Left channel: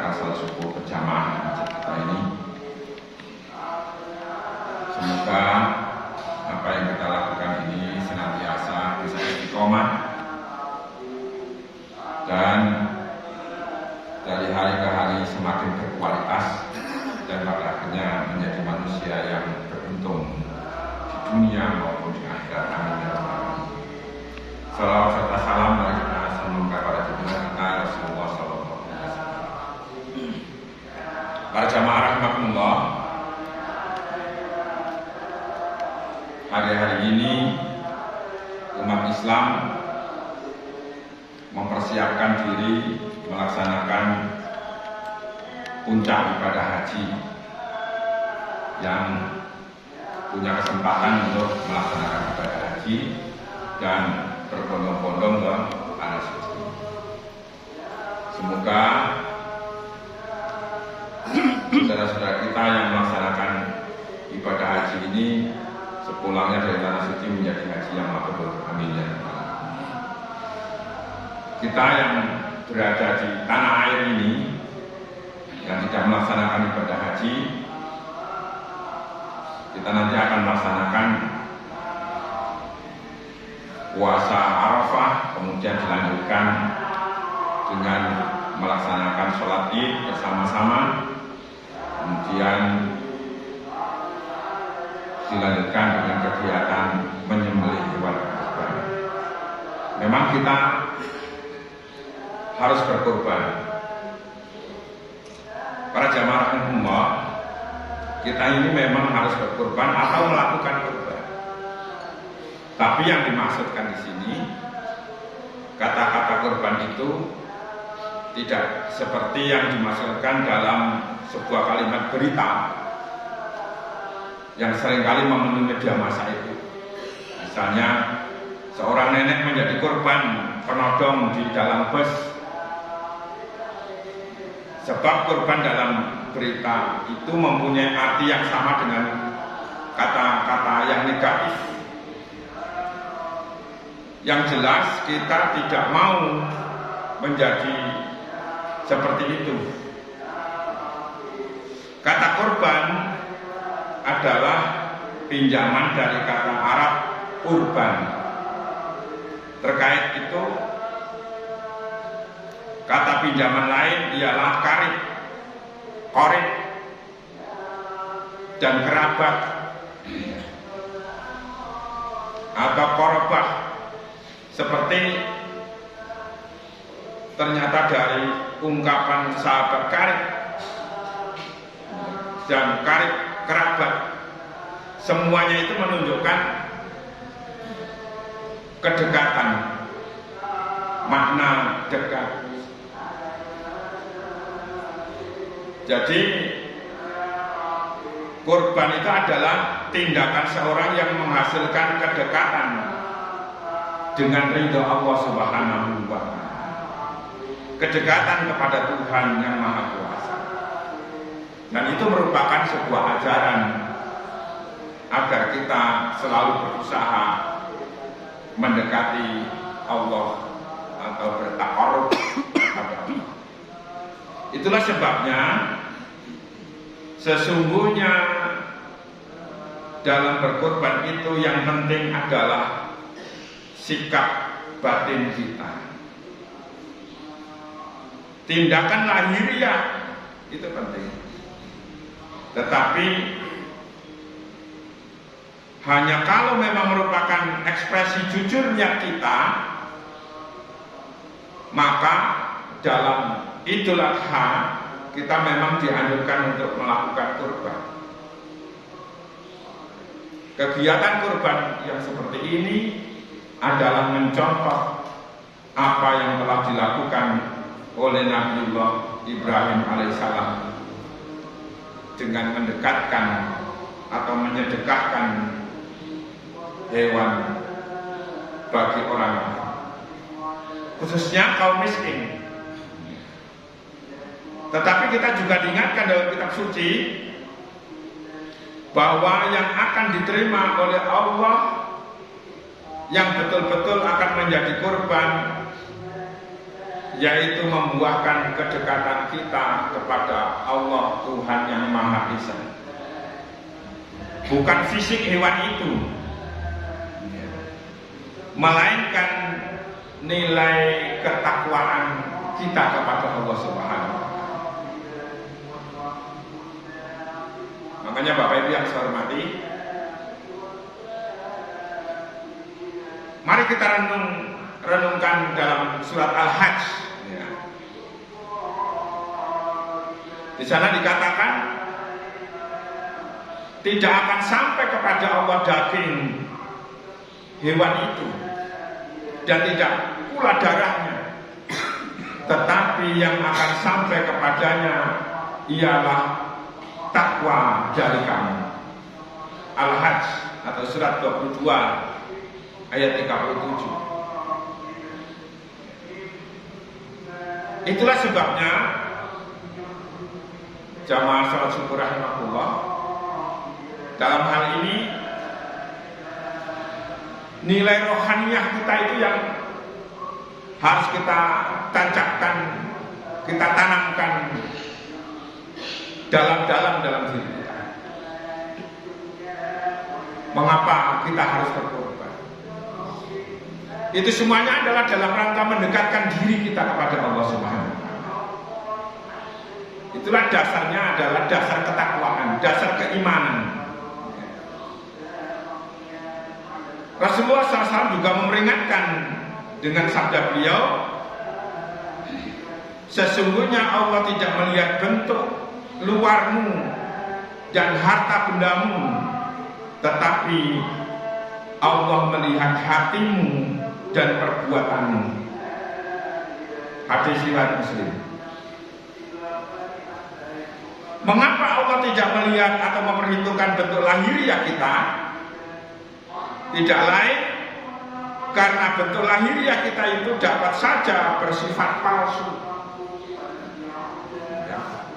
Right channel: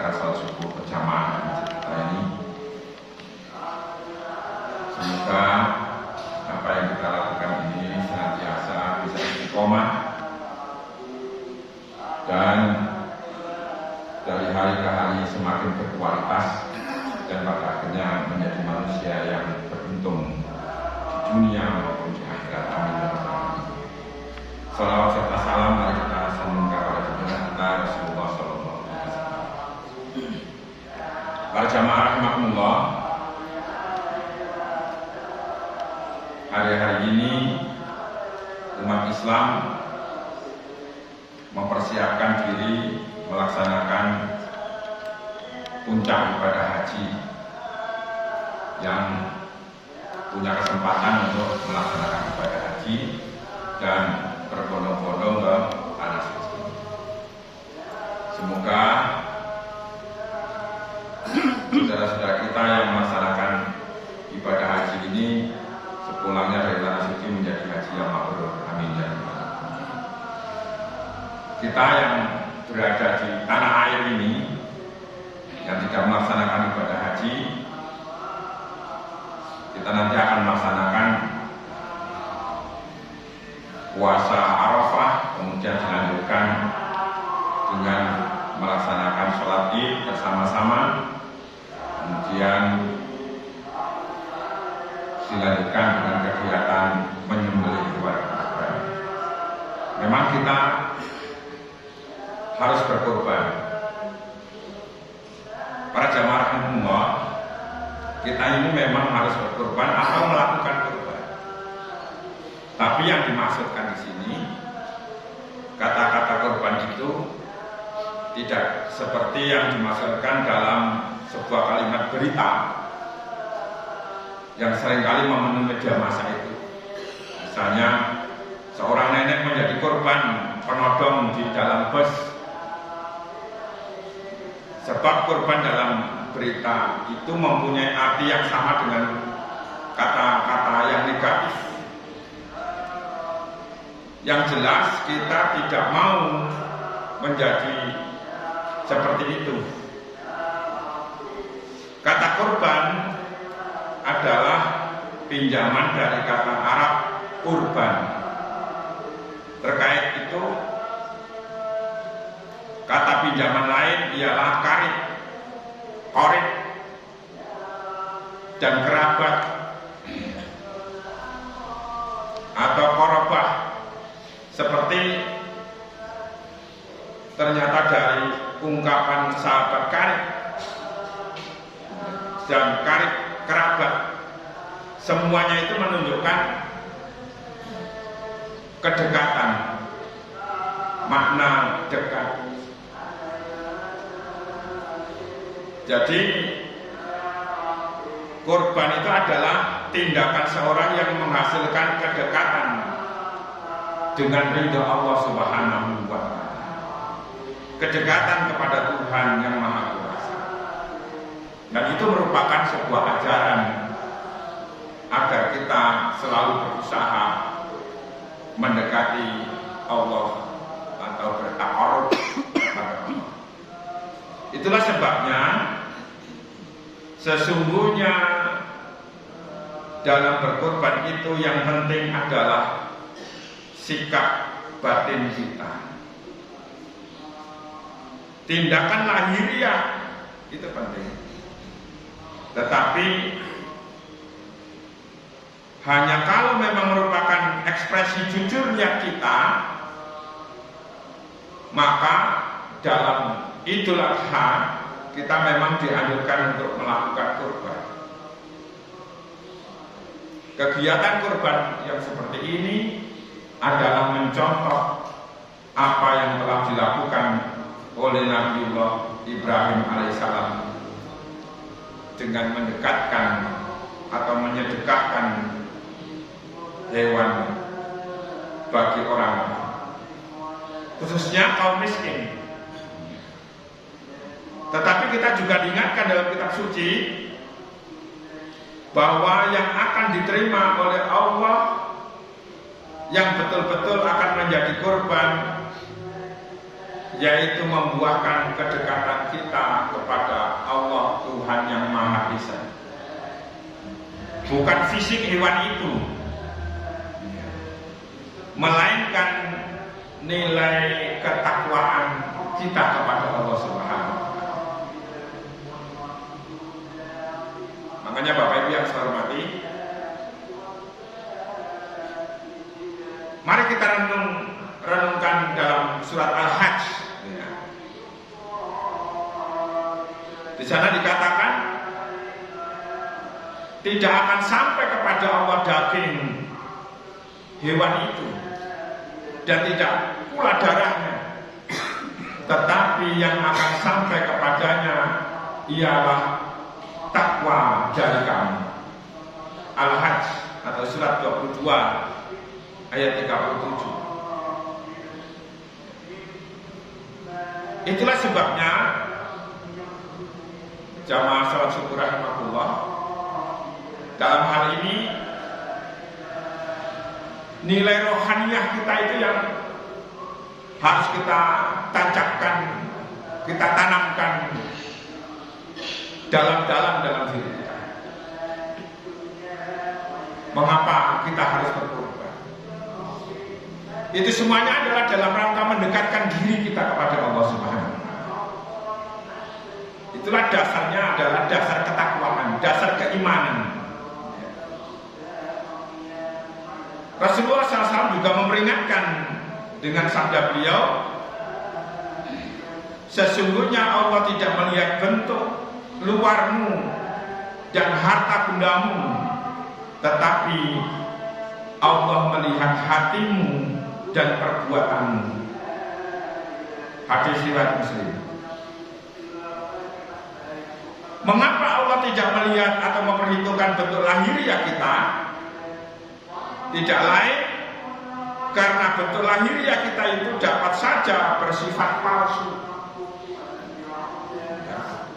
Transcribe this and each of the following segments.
melaksanakan salat subuh berjamaah kita ini. Semoga apa yang kita lakukan ini senantiasa bisa istiqomah dan dari hari ke hari semakin berkualitas dan pada akhirnya menjadi manusia yang beruntung di dunia maupun di akhirat. Amin ya rabbal alamin. Salawat serta salam mari kita semoga kepada junjungan kita Rasulullah sallallahu alaihi wasallam. Para jamaah rahimakumullah, hari-hari ini umat Islam mempersiapkan diri melaksanakan puncak ibadah haji yang punya kesempatan untuk melaksanakan ibadah haji dan berbondong-bondong ke tanah suci. Semoga saudara-saudara kita yang melaksanakan ibadah haji ini sepulangnya dari tanah suci menjadi haji yang mabrur. Amin ya rabbal alamin. Kita yang berada di tanah air ini yang tidak melaksanakan ibadah haji, kita nanti akan melaksanakan puasa Arafah, kemudian dilanjutkan dengan melaksanakan sholat Id bersama-sama, kemudian dilanjutkan dengan kegiatan menyembelih hewan kurban. Memang kita harus berkorban. Para jamaah rahimakumullah, kita ini memang harus berkorban atau melakukan korban. Tapi yang dimaksudkan di sini, kata-kata korban itu tidak seperti yang dimaksudkan dalam sebuah kalimat berita yang seringkali memenuhi media massa itu. Misalnya seorang nenek menjadi korban penodong di dalam bus. Sebab korban dalam berita itu mempunyai arti yang sama dengan kata-kata yang negatif. Yang jelas kita tidak mau menjadi seperti itu. Kata korban adalah pinjaman dari kata Arab urban. Terkait itu, kata pinjaman lain ialah karib, korib, dan kerabat atau korobah. Seperti ternyata dari ungkapan sahabat karib dan karib kerabat, semuanya itu menunjukkan kedekatan, makna dekat. Jadi kurban itu adalah tindakan seorang yang menghasilkan kedekatan dengan ridha Allah Subhanahu wa ta'ala, kedekatan kepada Tuhan yang Maha Kuasa. Dan itu merupakan sebuah ajaran agar kita selalu berusaha mendekati Allah atau bertaqarrub kepada Allah. Itulah sebabnya sesungguhnya dalam berkorban itu yang penting adalah sikap batin kita. Tindakan lahiriah itu penting, tetapi hanya kalau memang merupakan ekspresi jujurnya kita, maka dalam Idul Adha kita memang dianjurkan untuk melakukan kurban. Kegiatan kurban yang seperti ini adalah mencontoh apa yang telah dilakukan oleh Nabiullah Ibrahim alaihissalam dengan mendekatkan atau menyedekahkan hewan bagi orang, khususnya kaum miskin. Tetapi kita juga diingatkan dalam kitab suci bahwa yang akan diterima oleh Allah, yang betul-betul akan menjadi korban, yaitu membuahkan kedekatan kita kepada Allah Tuhan yang Maha Esa. Bukan fisik hewan itu, melainkan nilai ketakwaan kita kepada Allah Subhanahu wa Ta'ala. Makanya Bapak Ibu yang saya hormati, mari kita renungkan dalam surat Al-Hajj. Di sana dikatakan tidak akan sampai kepada Allah daging hewan itu dan tidak pula darahnya, tetapi yang akan sampai kepadanya ialah takwa dari kamu. Al-Hajj atau surat 22 ayat 37. Itulah sebabnya jamaah salat syukur rahimahullah, dalam hal ini nilai rohaniah kita itu yang harus kita tancapkan, kita tanamkan dalam-dalam dalam diri kita. Mengapa kita harus berkorban? Itu semuanya adalah dalam rangka mendekatkan diri kita kepada Allah Subhanahu wa Ta'ala. Itulah dasarnya, adalah dasar ketakwaan, dasar keimanan. Rasulullah SAW juga memperingatkan dengan sabda beliau, sesungguhnya Allah tidak melihat bentuk luarmu dan harta bendamu, tetapi Allah melihat hatimu dan perbuatanmu. Hadis riwayat Muslim. Mengapa Allah tidak melihat atau memperhitungkan bentuk lahiriah kita? Tidak lain karena bentuk lahiriah kita itu dapat saja bersifat palsu,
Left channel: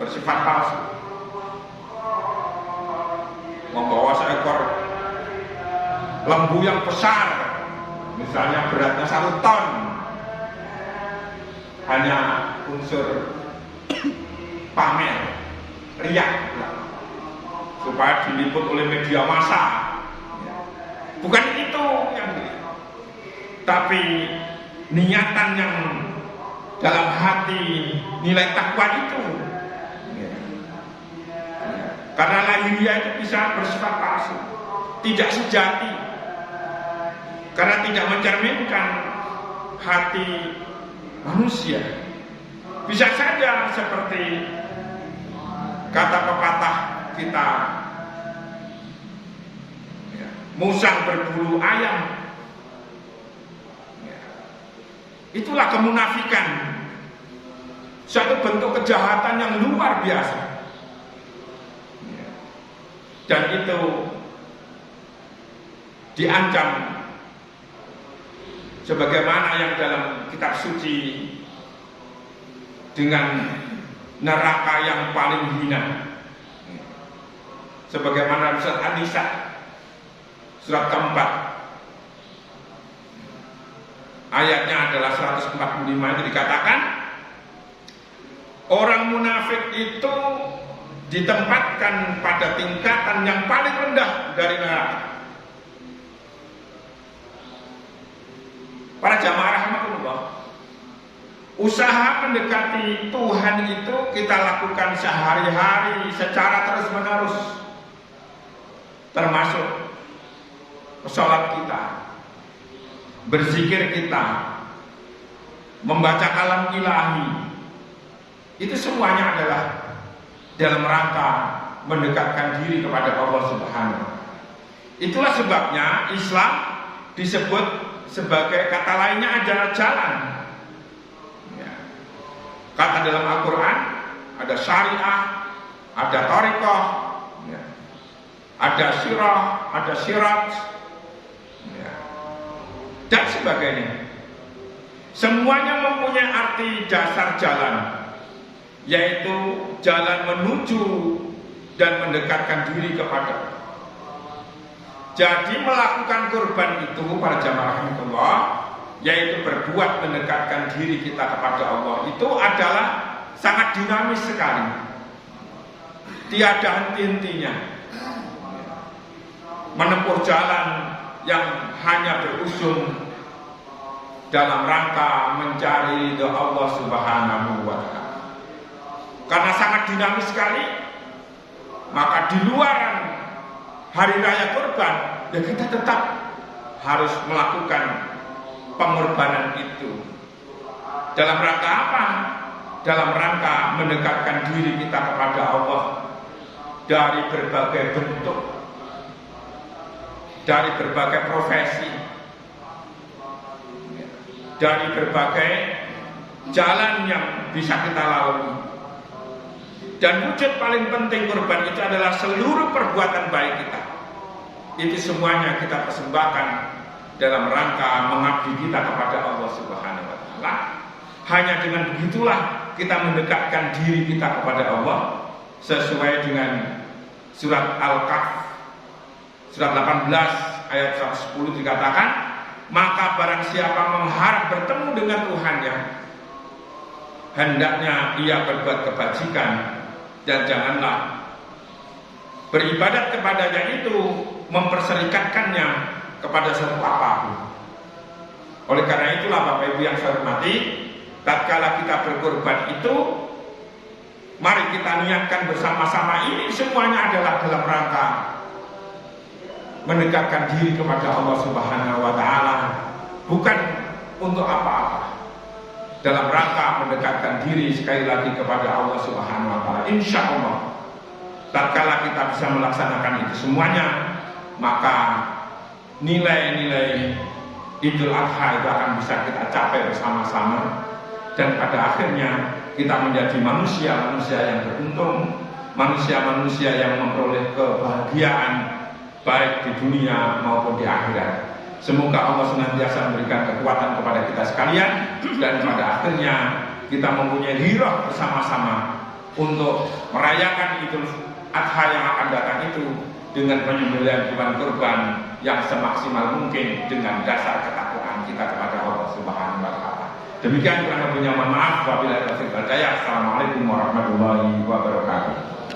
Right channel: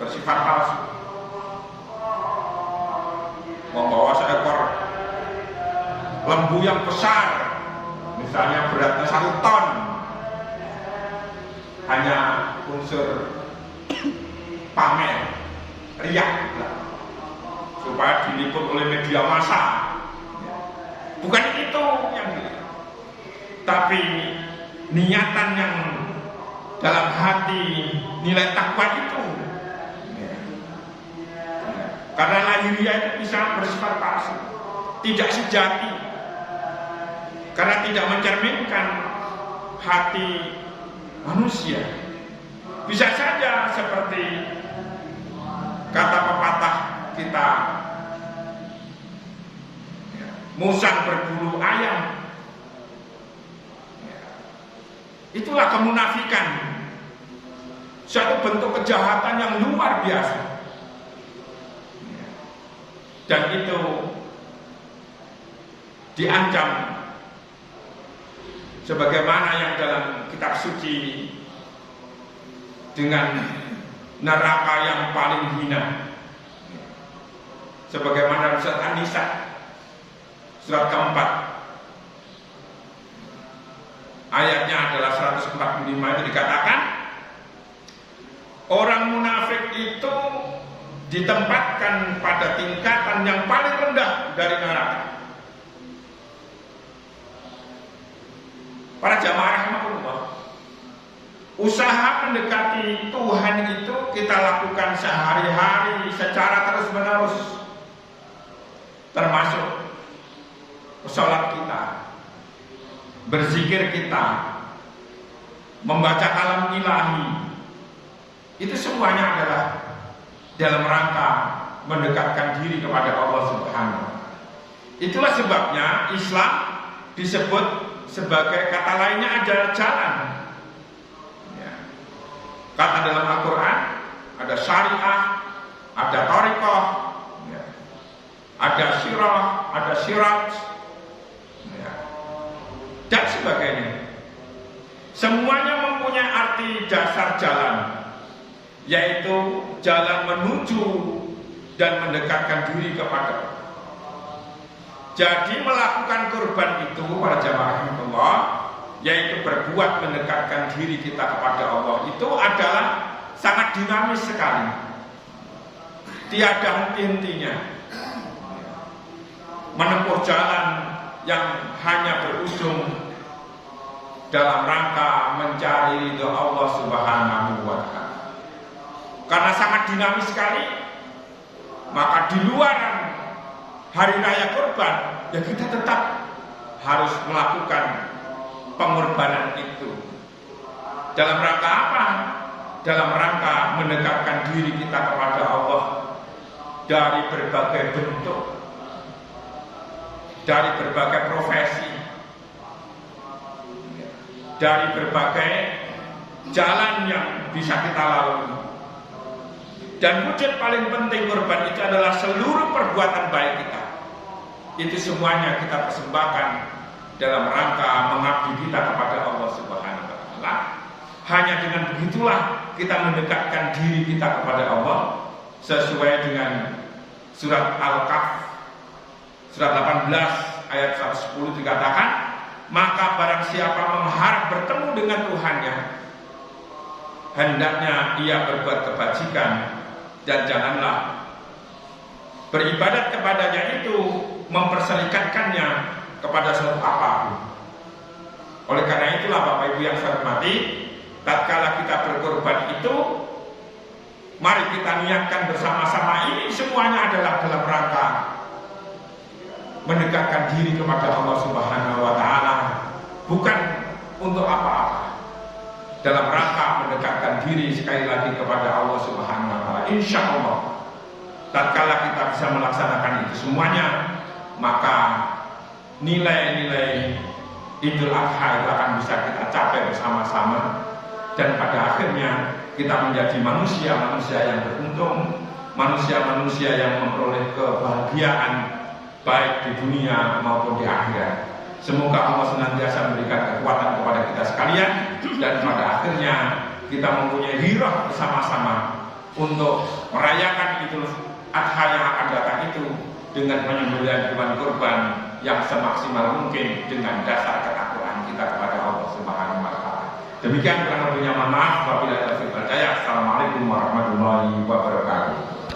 bersifat palsu. Membawa seekor lembu yang besar, misalnya beratnya 1 ton, hanya unsur pamer, riak, supaya diliput oleh media massa. Bukan itu yang dilihat, tapi niatan yang dalam hati, nilai takwa itu. Karena lahiriah itu bisa bersifat palsu, tidak sejati, karena tidak mencerminkan hati manusia. Bisa saja seperti kata pepatah kita, musang berbulu ayam. Itulah kemunafikan, satu bentuk kejahatan yang luar biasa. Dan itu diancam sebagaimana yang dalam kitab suci dengan neraka yang paling hina, sebagaimana surat An-Nisa surat keempat, ayatnya adalah 145, itu dikatakan orang munafik itu ditempatkan pada tingkatan yang paling rendah dari neraka. Para jamaah rahmatullah, usaha mendekati Tuhan itu kita lakukan sehari-hari secara terus-menerus, termasuk sholat kita, berzikir kita, membaca kalam ilahi. Itu semuanya adalah dalam rangka mendekatkan diri kepada Allah Subhanahu. Itulah sebabnya Islam disebut sebagai, kata lainnya adalah jalan. Kata dalam Al-Quran ada syariah, ada thariqah, ada sirah, ada sirat, dan sebagainya. Semuanya mempunyai arti dasar jalan, yaitu jalan menuju dan mendekatkan diri kepada Allah. Jadi melakukan kurban itu, para jamaah rahmatullah, yaitu berbuat mendekatkan diri kita kepada Allah, itu adalah sangat dinamis sekali, tiada henti-hentinya. Menempuh jalan yang hanya berujung dalam rangka mencari ridho Allah Subhanahu wa Ta'ala. Karena sangat dinamis sekali, maka di luar hari raya kurban, ya kita tetap harus melakukan pengorbanan itu. Dalam rangka apa? Dalam rangka mendekatkan diri kita kepada Allah dari berbagai bentuk, dari berbagai profesi, dari berbagai jalan yang bisa kita lalui. Dan wujud paling penting kurban itu adalah seluruh perbuatan baik kita. Itu semuanya kita persembahkan dalam rangka mengabdi kita kepada Allah Subhanahu wa Ta'ala. Hanya dengan begitulah kita mendekatkan diri kita kepada Allah, sesuai dengan surat Al-Kahf surat 18 ayat 110 dikatakan, maka barang siapa mengharap bertemu dengan Tuhannya, hendaknya ia berbuat kebajikan, dan janganlah beribadat kepadanya itu memperserikatkannya kepada sesuatu apapun. Oleh karena itulah Bapak Ibu yang saya hormati, tatkala kita berkorban itu, mari kita niatkan bersama-sama, ini semuanya adalah dalam rangka mendekatkan diri kepada Allah Subhanahu wa Ta'ala, bukan untuk apa-apa. Dalam rangka mendekatkan diri sekali lagi kepada Allah Subhanahu wa Ta'ala. Insya Allah, tatkala kita bisa melaksanakan itu semuanya, maka nilai-nilai Idul Adha itu akan bisa kita capai bersama-sama, dan pada akhirnya kita menjadi manusia-manusia yang beruntung, manusia-manusia yang memperoleh kebahagiaan baik di dunia maupun di akhirat. Semoga Allah senantiasa memberikan kekuatan kepada kita sekalian, dan pada akhirnya kita mempunyai hiroh bersama-sama untuk merayakan Idul Adha yang akan datang itu dengan penyembelihan hewan kurban yang semaksimal mungkin dengan dasar ketakwaan kita kepada Allah Subhanahu wa Ta'ala. Demikian kurang lebihnya, mohon maaf. Wabillahi taufiq wal hidayah. Assalamualaikum warahmatullahi wabarakatuh.